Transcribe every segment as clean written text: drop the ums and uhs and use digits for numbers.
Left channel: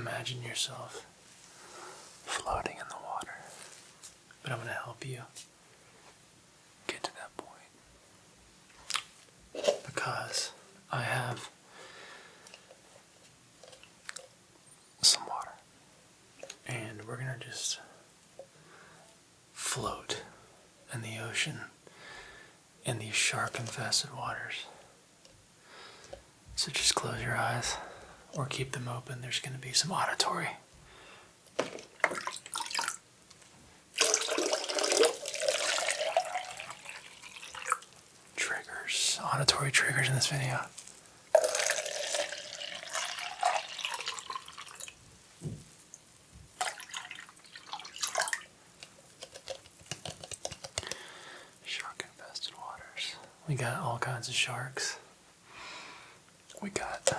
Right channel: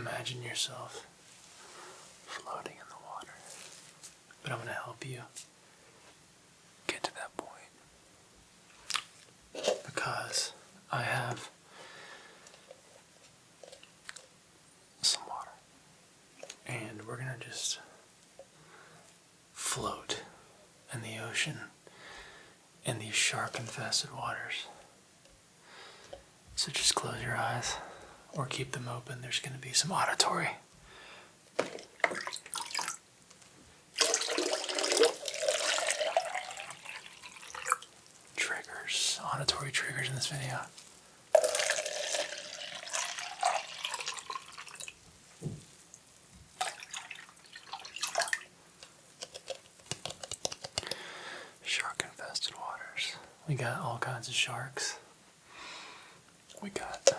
imagine yourself floating in the water. But I'm going to help you get to that point. Because I have some water. And we're going to just float in the ocean in these shark infested waters. So just close your eyes or keep them open. There's going to be some auditory triggers in this video. Shark infested waters. We got all kinds of sharks. We got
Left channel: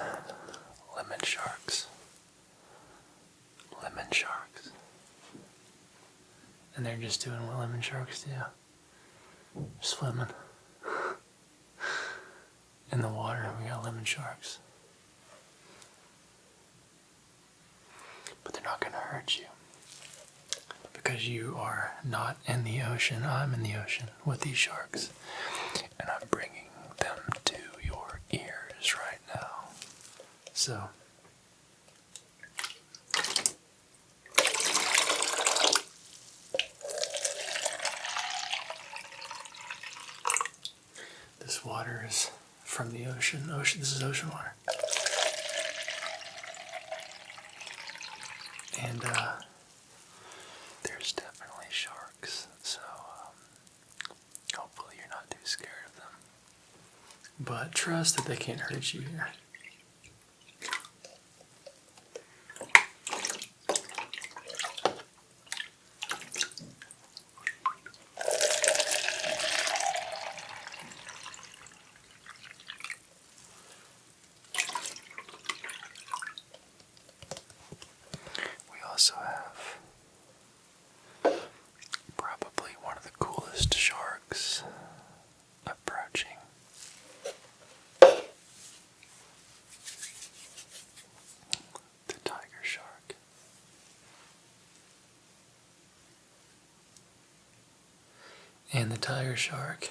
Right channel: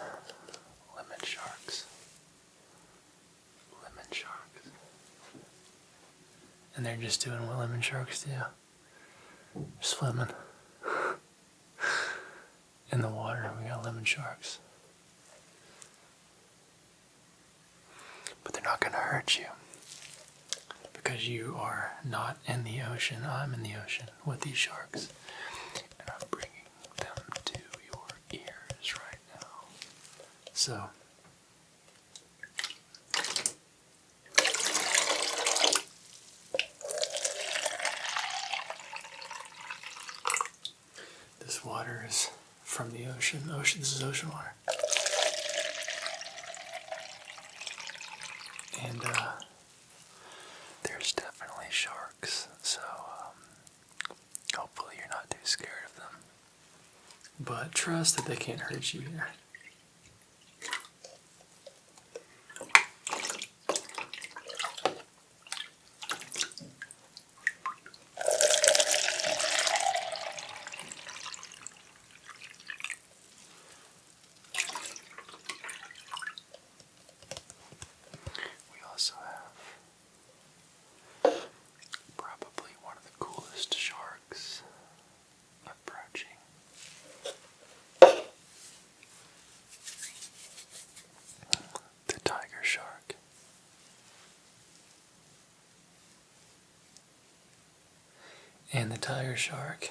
lemon sharks. And they're just doing what lemon sharks do. Swimming in the water. We got lemon sharks. But they're not going to hurt you. Because you are not in the ocean. I'm in the ocean with these sharks. And I'm bringing them to your ears right now. So, this water is from the ocean. This is ocean water. And there's definitely sharks, so hopefully you're not too scared of them. But trust that they can't hurt you here. Also have probably one of the coolest sharks approaching. The tiger shark. And the tiger shark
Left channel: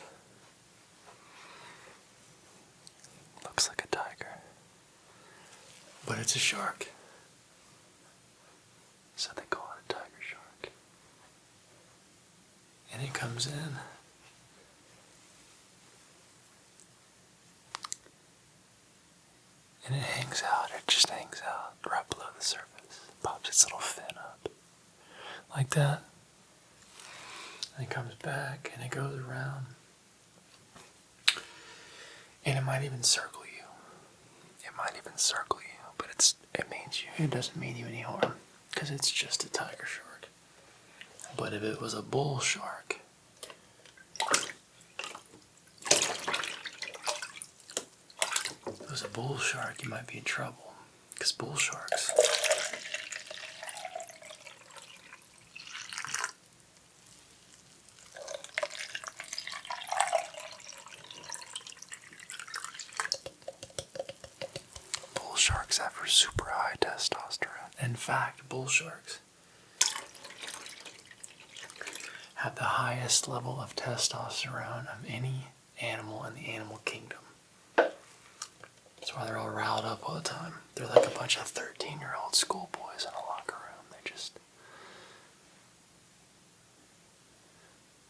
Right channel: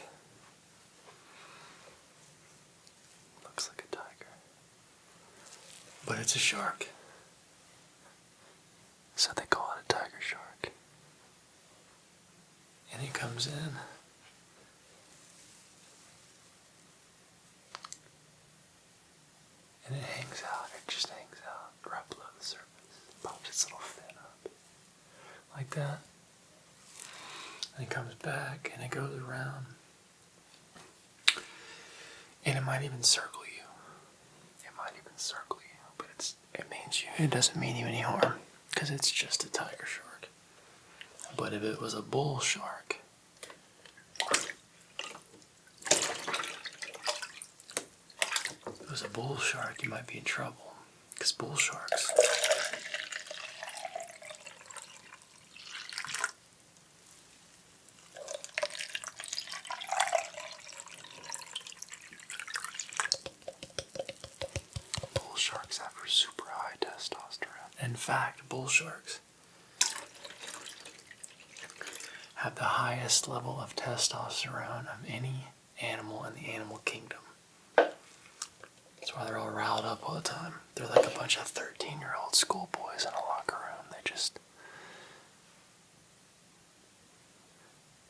looks like a tiger, but it's a shark. So they call it a tiger shark. And it comes in. And it hangs out. It just hangs out right below the surface. Pops its little fin up. Like that. And it comes back and it goes around. And it might even circle you. But it doesn't mean you any harm. Because it's just a tiger shark. But if it was a bull shark, you might be in trouble. Because bull sharks have super high testosterone. In fact, bull sharks have the highest level of testosterone of any animal in the animal kingdom. That's why they're all riled up all the time. They're like a bunch of 13-year-old schoolboys in a locker room. They just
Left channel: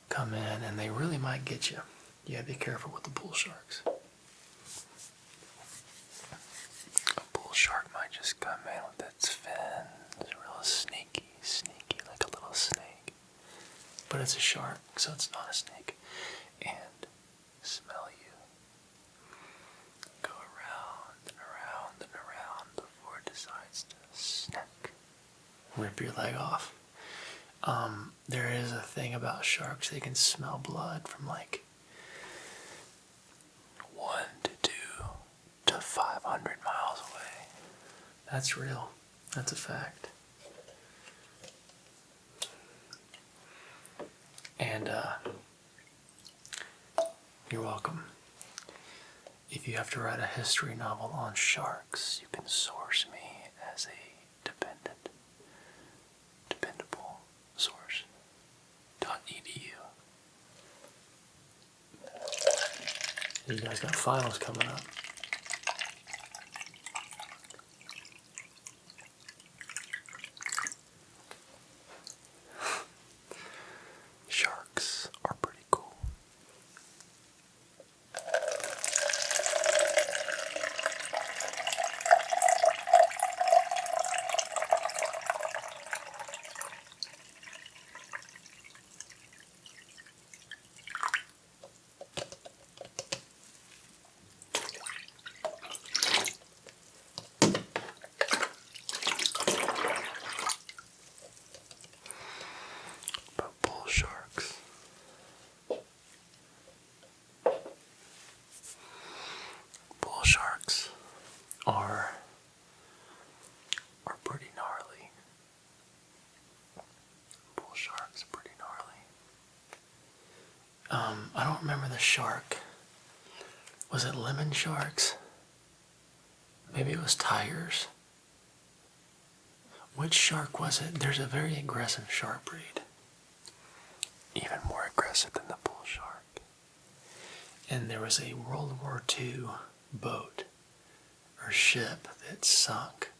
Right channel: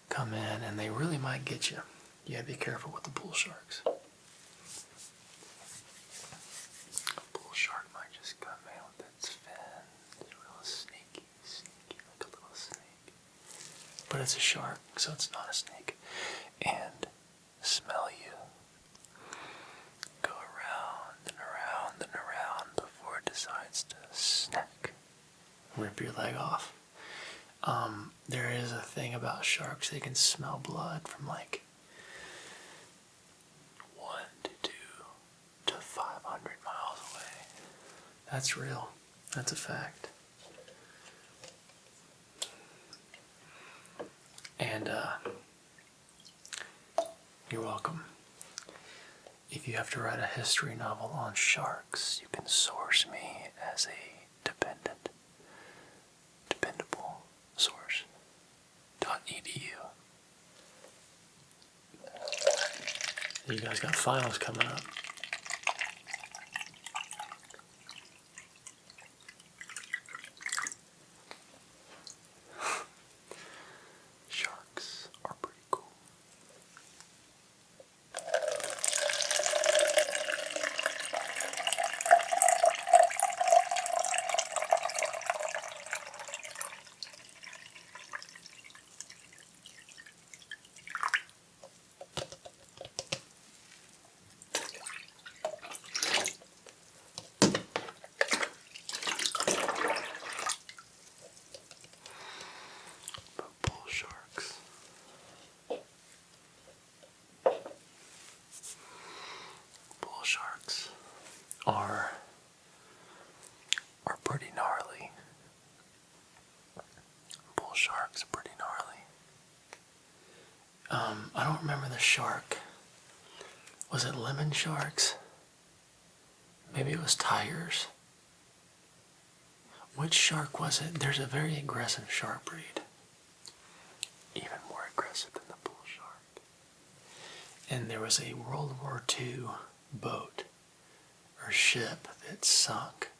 come in and they really might get you. You gotta be careful with the bull sharks. Shark might just come in with its fins, real sneaky, like a little snake. But it's a shark, so it's not a snake. And smell you. Go around and around and around before it decides to snack. Rip your leg off. There is a thing about sharks, they can smell blood from like 1 to 2 to 500 miles away. That's real. That's a fact. And you're welcome. If you have to write a history novel on sharks, you can source me as a dependent You guys got finals coming up. Sharks are pretty cool. But bull sharks. Bull sharks are pretty gnarly. Bull sharks are pretty gnarly. I don't remember the shark. Was it lemon sharks? Maybe it was tigers. Which shark was it? There's a very aggressive shark breed. Even more aggressive than the bull shark. And there was a World War II boat or ship that sunk.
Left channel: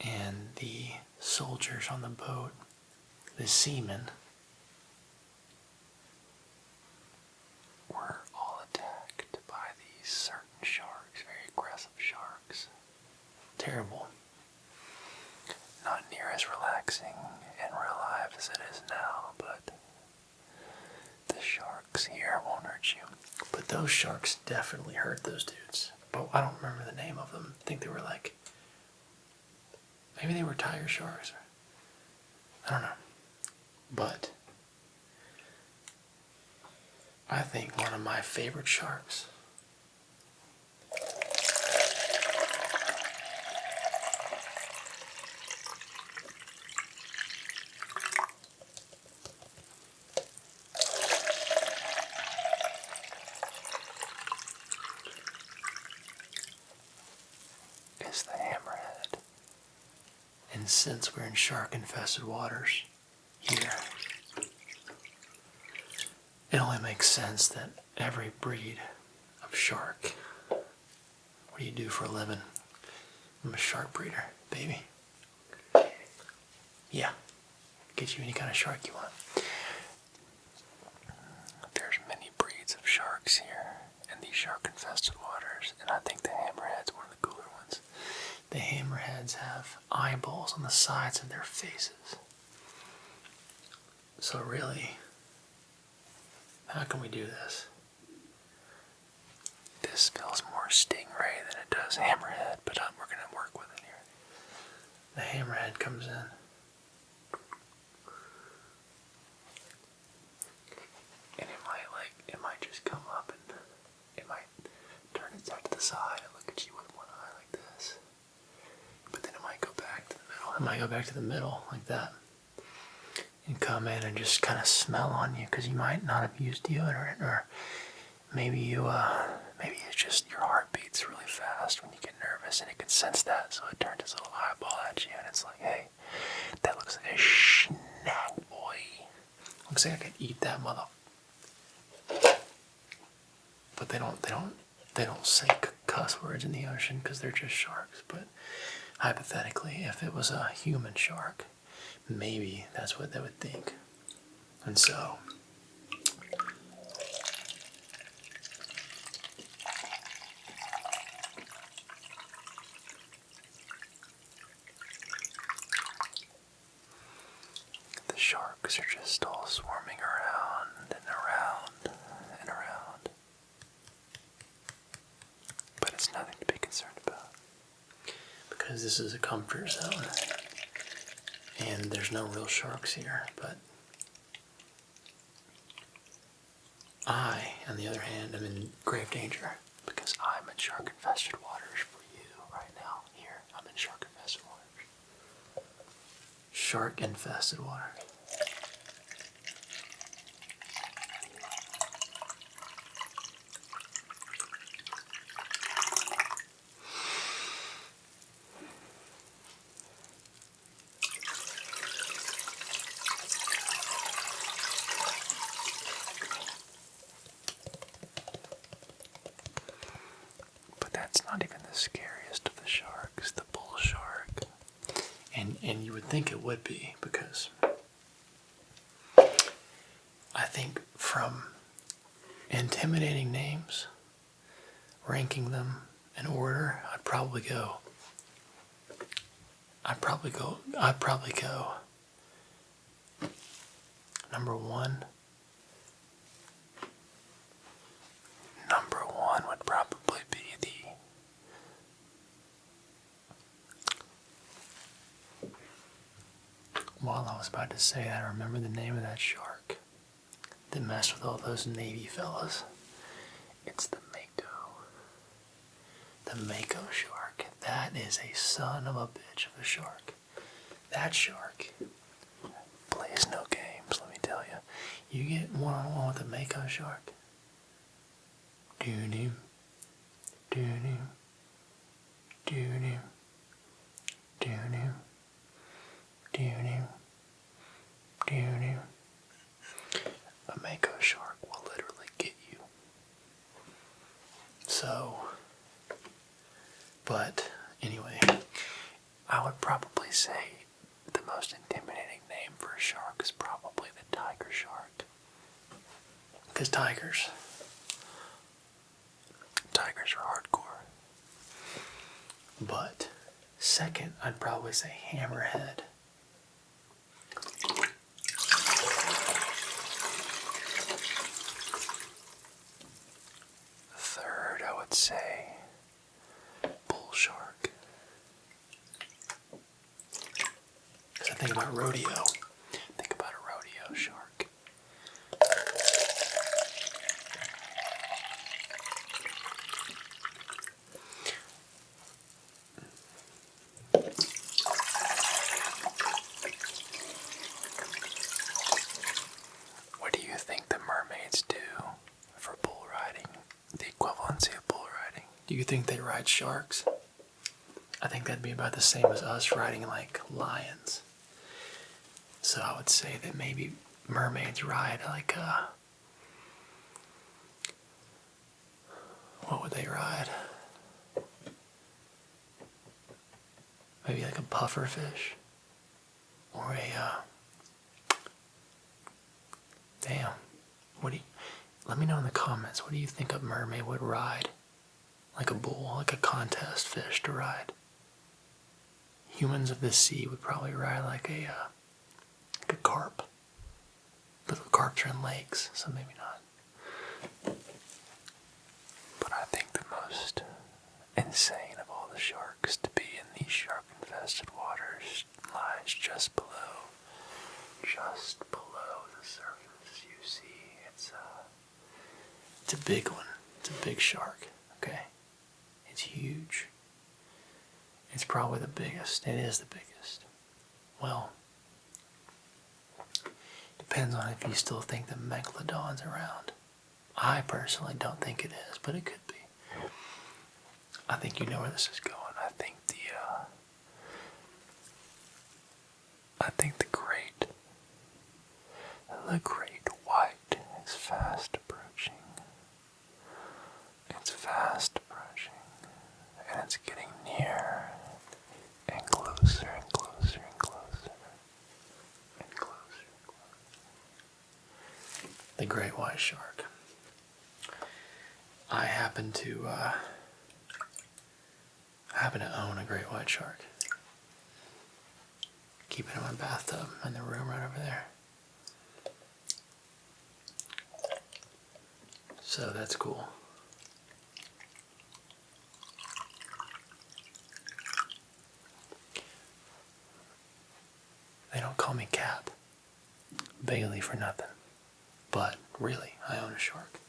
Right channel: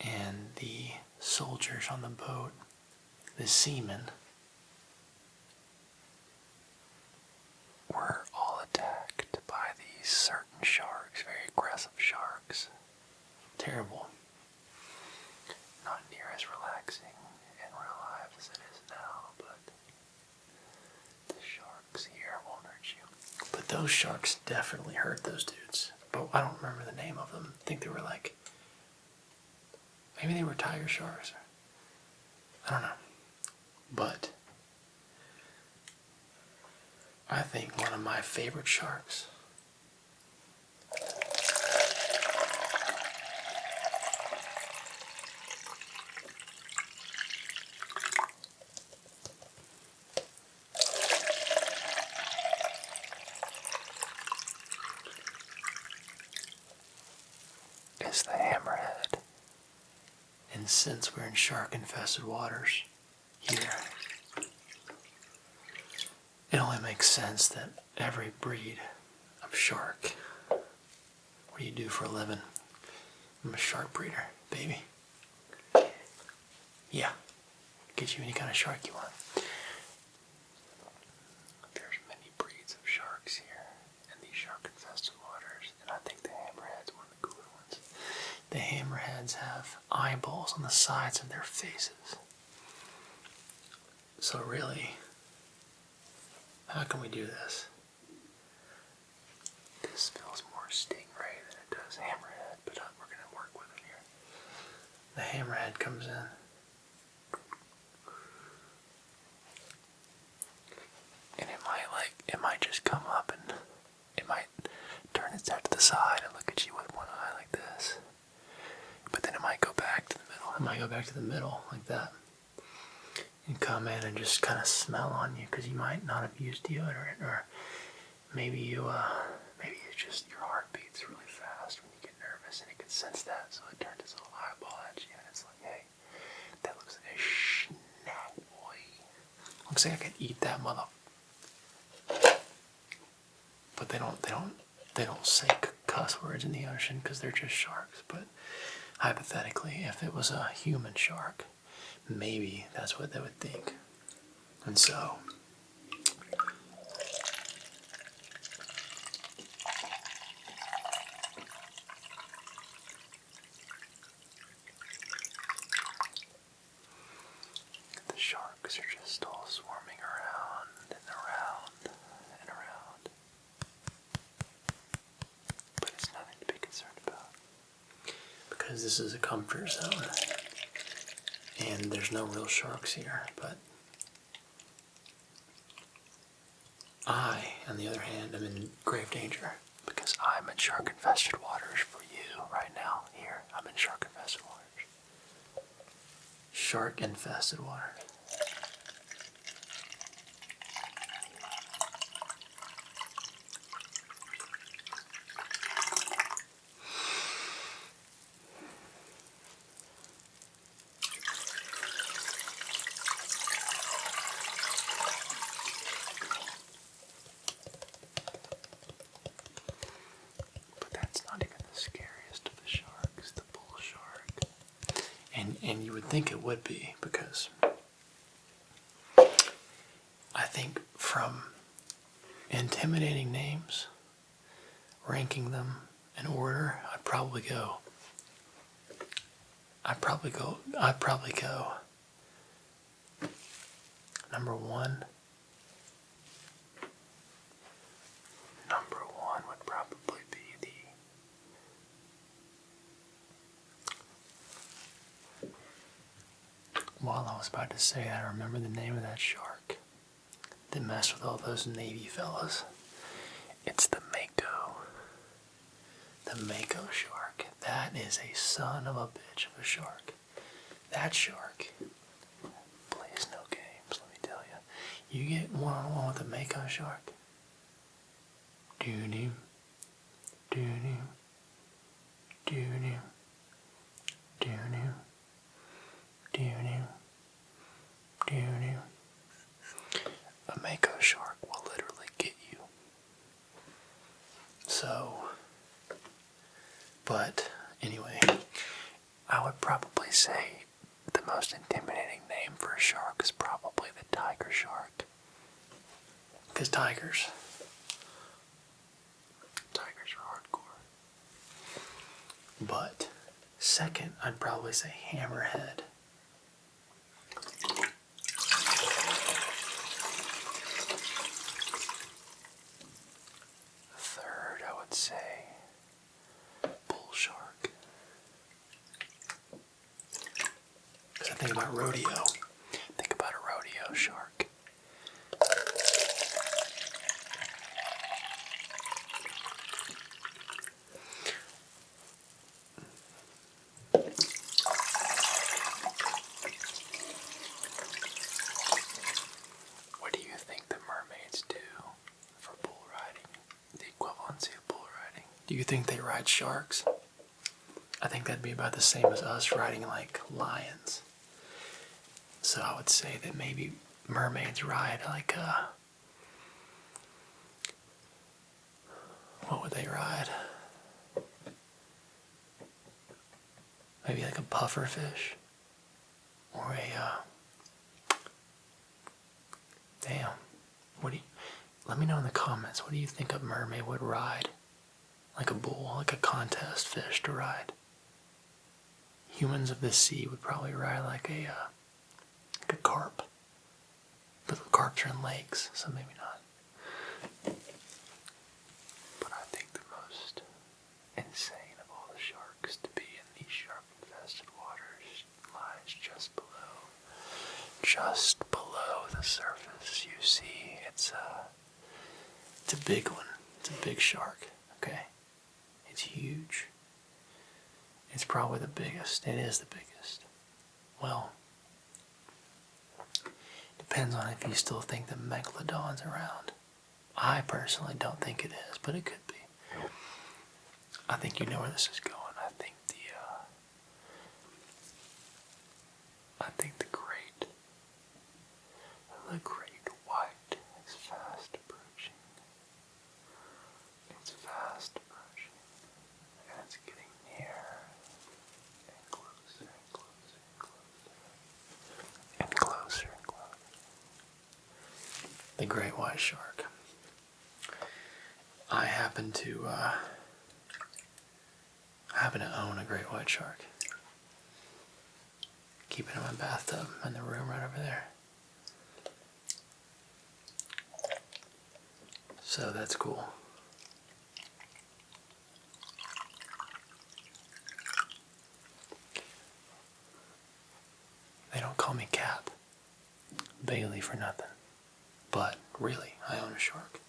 And the soldiers on the boat, the seamen, were all attacked by these certain sharks, very aggressive sharks. Terrible. Not near as relaxing in real life as it is now, but the sharks here won't hurt you. But those sharks definitely hurt those dudes. But I don't remember the name of them. I think they were like, maybe they were tiger sharks. I don't know. But I think one of my favorite sharks is the hammerhead. And since we're in shark infested waters here, it only makes sense that every breed of shark, what do you do for a living? I'm a shark breeder, baby. Yeah, get you any kind of shark you want. There's many breeds of sharks here in these shark infested waters, and I think the hammerhead's one of the cooler ones. The hammerheads have eyeballs on the sides of their faces. So really, how can we do this? This feels more stingray than it does hammerhead, but we're going to work with it here. The hammerhead comes in. And it might just come up and it might turn its head to the side and look at you with one eye like this. But then it might go back to the middle. It might go back to the middle like that. And come in and just kind of smell on you because you might not have used deodorant, or maybe it's just your heart beats really fast when you get nervous and it can sense that, so it turns its little eyeball at you and it's like, hey, that looks like a snack, boy. Looks like I could eat that mother. But they don't say cuss words in the ocean because they're just sharks. But hypothetically, if it was a human shark, maybe that's what they would think. And so the sharks are just all swarming around and around and around. But it's nothing to be concerned about, because this is a comfort zone. And there's no real sharks here, but I, on the other hand, am in grave danger because I'm in shark infested waters for you right now. Here, I'm in shark infested waters. Shark infested waters. scariest of the sharks, the bull shark. And you would think it would be, because I think from intimidating names, ranking them in order, I'd probably go number one. Number one would probably be While I was about to say that, I remember the name of that shark that messed with all those Navy fellas. It's the Mako. The Mako shark. That is a son of a bitch of a shark. That shark plays no games, let me tell you. You get one-on-one with a Mako shark. Doo-doo. Doo-doo. Doo-doo. Doo-doo. Doo-doo. Doo-doo. A Mako shark will literally get you. So, but anyway, I would probably say the most intimidating name for a shark is probably the tiger shark. Because tigers are hardcore. But second, I'd probably say hammerhead. Third, I would say bull shark. Because I think about rodeo. Think about a rodeo shark. What do you think the mermaids do for bull riding? The equivalency of bull riding. Do you think they ride sharks? I think that'd be about the same as us riding like lions. So I would say that maybe mermaids ride like what would they ride? Maybe like a pufferfish? Or a damn. Let me know in the comments, what do you think a mermaid would ride? Like a bull, like a contest fish to ride. Humans of the sea would probably ride like a carp. But the carps are in lakes, so maybe not. But I think the most insane of all the sharks to be in these shark-infested waters lies just below the surface. You see, it's a big one. It's a big shark, okay? It's huge. It's probably the biggest. It is the biggest. Well, depends on if you still think the megalodon's around. I personally don't think it is, but it could be. I think you know where this is going. I think the great white is fast approaching. It's fast approaching, and it's getting near, and closer and closer and closer, and closer and closer. The great white shark. I happen to own a great white shark. Keep it in my bathtub in the room right over there. So that's cool. They don't call me Cap Bailey for nothing. But really, I own a shark.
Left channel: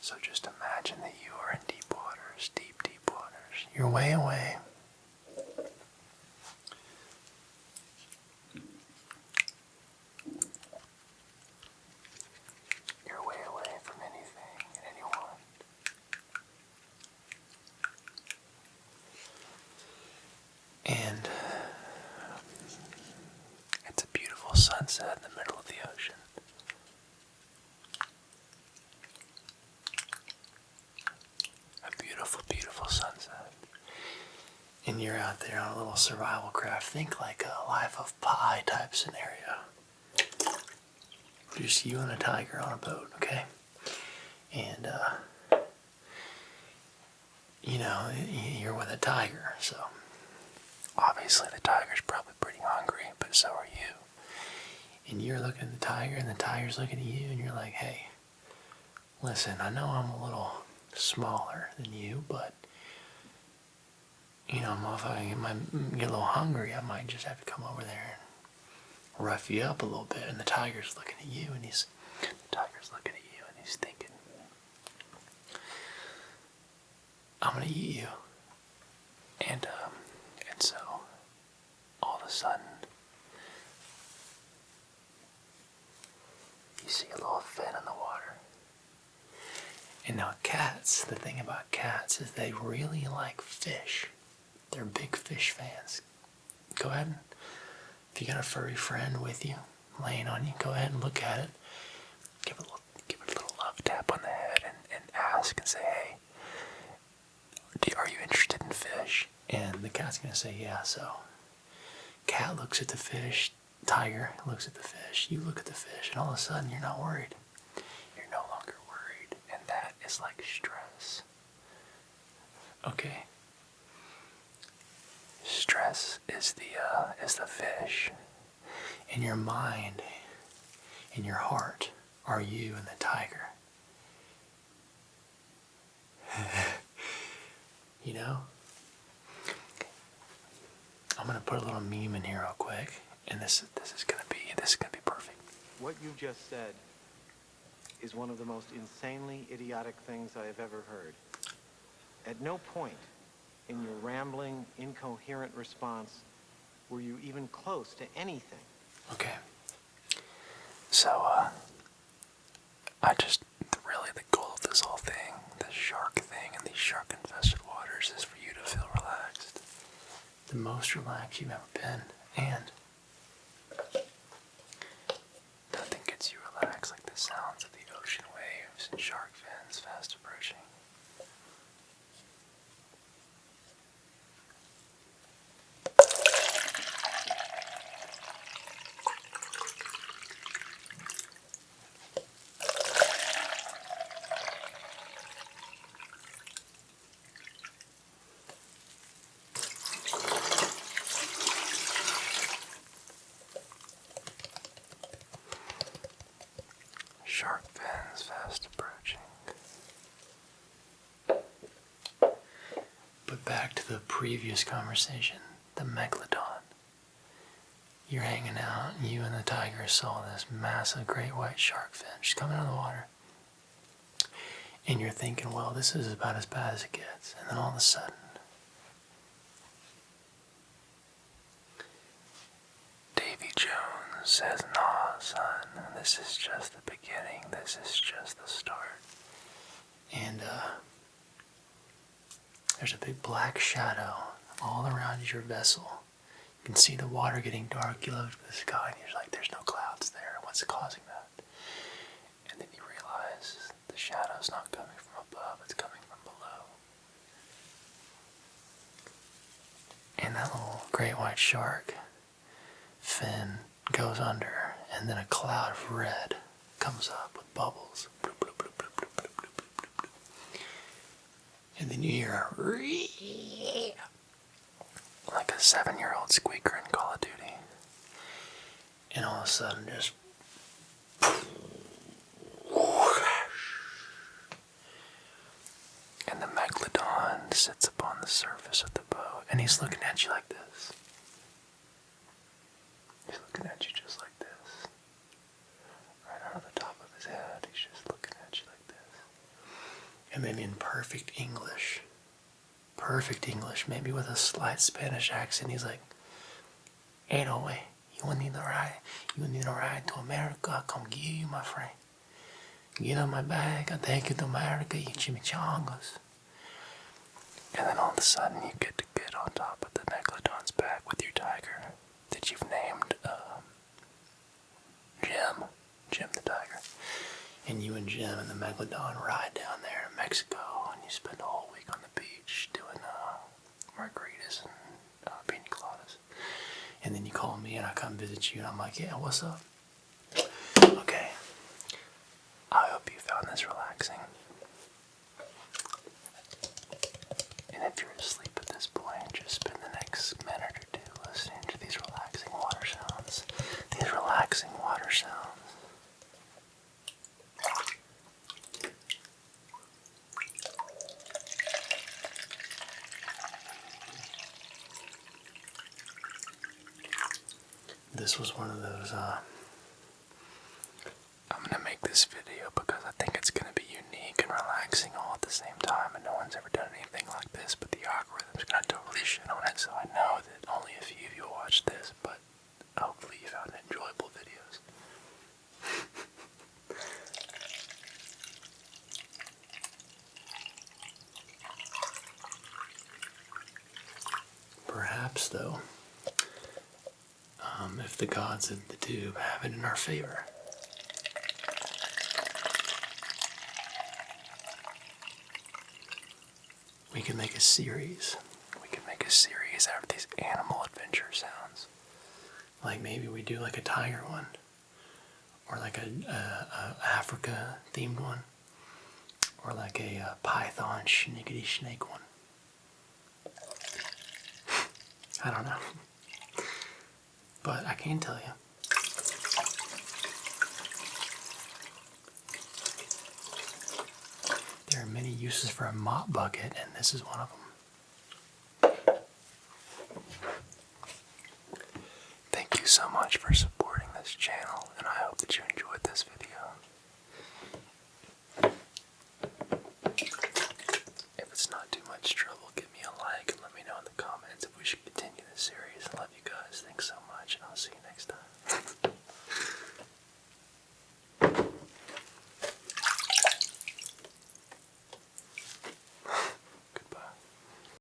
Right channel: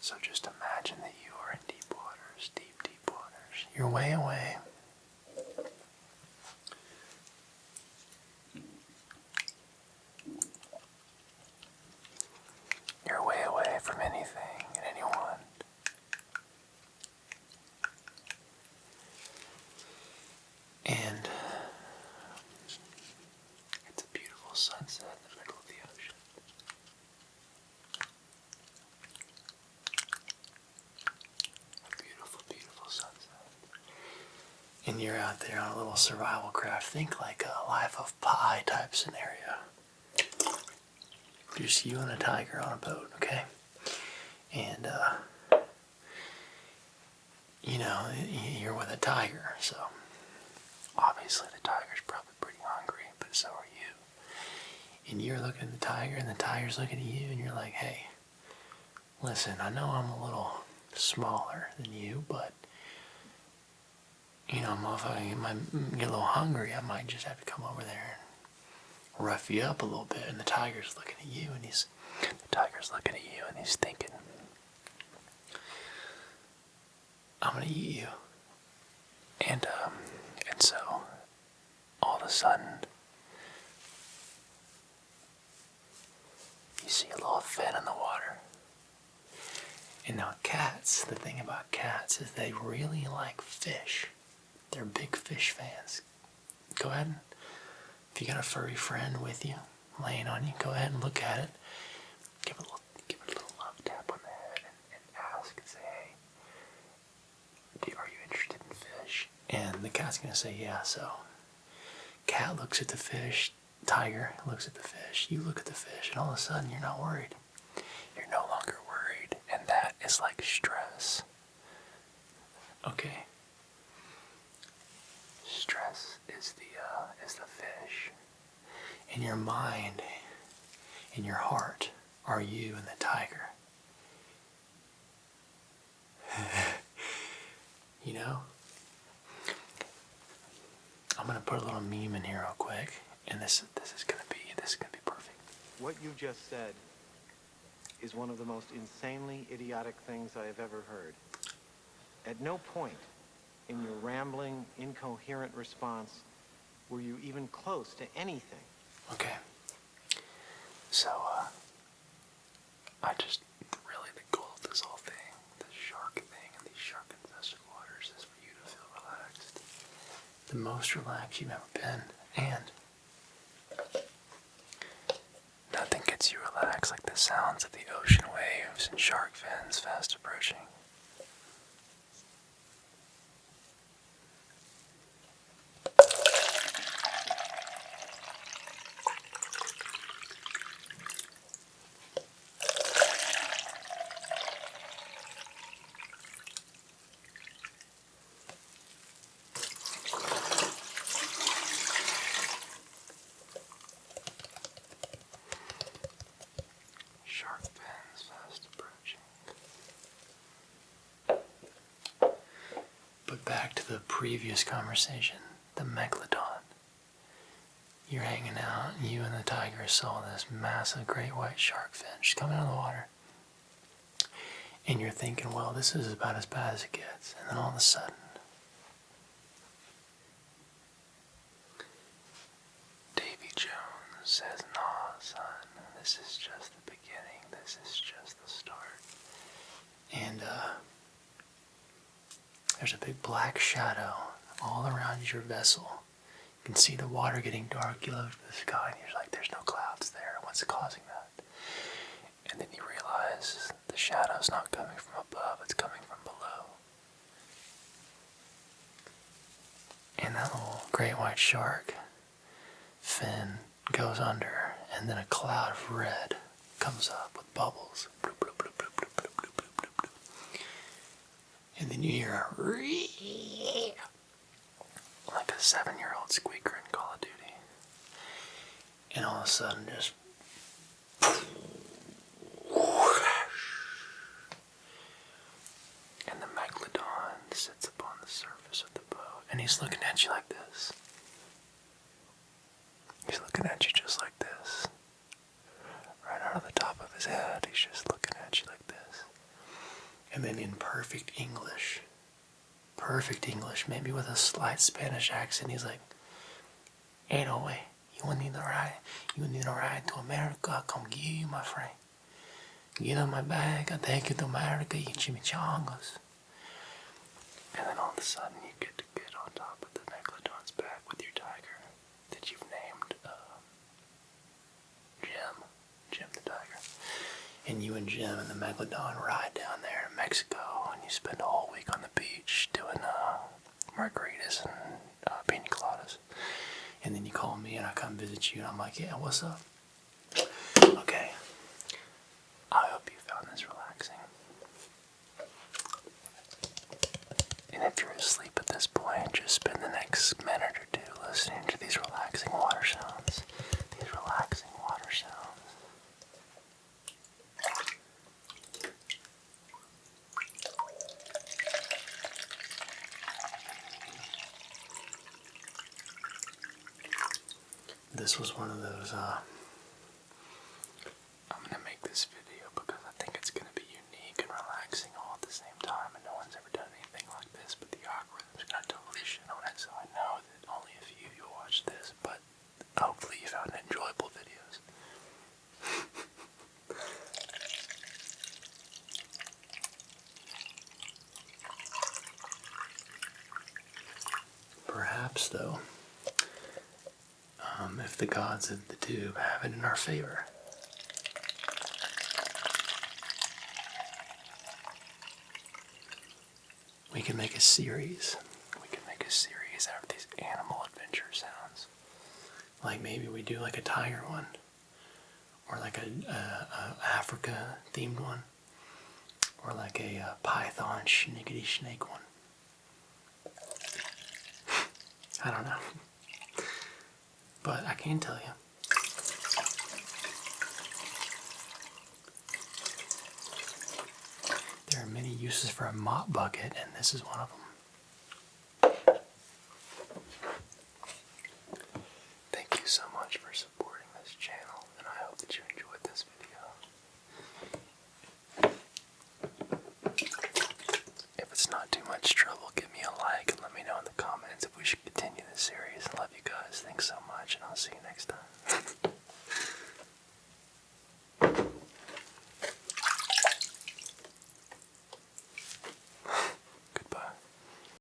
So just imagine that you are in deep waters, deep, deep waters. You're way away. You're way away from anything and anyone. And it's a beautiful sunset in the middle of the ocean. and you're out there on a little survival craft. Think like a Life of Pi type scenario. Just you and a tiger on a boat, okay? And, you know, you're with a tiger, so obviously the tiger's probably pretty hungry, but so are you. And you're looking at the tiger, and the tiger's looking at you, and you're like, hey, listen, I know I'm a little smaller than you, but, you know, if I might get a little hungry, I might just have to come over there and rough you up a little bit. And the tiger's looking at you, and he's thinking, I'm gonna eat you. And so all of a sudden you see a little fin in the water. And now cats, the thing about cats is they really like fish. They're big fish fans. Go ahead and, if you got a furry friend with you, laying on you, go ahead and look at it. Give it a little love tap on the head and ask and say, hey, are you interested in fish? And the cat's going to say, yeah. So cat looks at the fish, tiger looks at the fish, you look at the fish, and all of a sudden you're not worried. You're no longer worried, and that is like stress. Okay. Stress is the fish. In your mind, in your heart, are you and the tiger. You know? I'm gonna put a little meme in here real quick, and this is gonna be perfect. What you just said is one of the most insanely idiotic things I have ever heard. At no point in your rambling, incoherent response were you even close to anything. Okay. So, really the goal of this whole thing, this shark thing and these shark infested waters, is for you to feel relaxed. The most relaxed you've ever been, and nothing gets you relaxed like the sounds of the ocean waves and shark fins fast approaching. Shark fins fast approaching. But back to the previous conversation, the megalodon. You're hanging out, and you and the tiger saw this massive great white shark fin just coming out of the water. And you're thinking, well, this is about as bad as it gets. And then all of a sudden, Davy Jones says, nah, son, this is just the beginning. This is just the start. And there's a big black shadow all around your vessel. You can see the water getting dark. You look at the sky and you're like, there's no clouds there. What's causing that? And then you realize the shadow's not coming from above, it's coming from below. And that little great white shark fin goes under, and then a cloud of red comes up with bubbles. Bloop, bloop, bloop, bloop, bloop, bloop, bloop, bloop, bloop. And then you hear a like a 7-year-old squeaker in Call of Duty. And all of a sudden, just and the megalodon sits upon the surface of the boat, and he's looking at you like this. He's looking at you just like this. Right out of the top of his head, he's just looking at you like this. And then in perfect English, maybe with a slight Spanish accent, he's like, hey, no way, you need to ride to America, I'll come get you, my friend. Get on my back, I'll take you to America, eat chimichangas. And then all of a sudden, you get to get on top of the megalodon's back with your tiger that you've named Jim the tiger. And you and Jim and the megalodon ride down there in Mexico, and you spend a whole week on the beach doing margaritas and pina coladas. And then you call me and I come visit you and I'm like, yeah, what's up? Okay. I hope you found this relaxing. And if you're asleep at this point, just spend the next minute or two listening to these relaxing water sounds. These relaxing water sounds. This was one of those, I'm going to make this video because I think it's going to be unique and relaxing all at the same time, and no one's ever done anything like this, but the algorithm's going to totally shit on it, so I know that only a few of you will watch this, but hopefully you found enjoyable videos. Perhaps, though, if the gods of the tube have it in our favor, we can make a series. We can make a series out of these animal adventure sounds. Like maybe we do like a tiger one, or like a Africa themed one, or like a python schnickety snake one. I don't know. But I can tell you, there are many uses for a mop bucket, and this is one of them. Thank you so much for supporting this channel, and I hope that you enjoy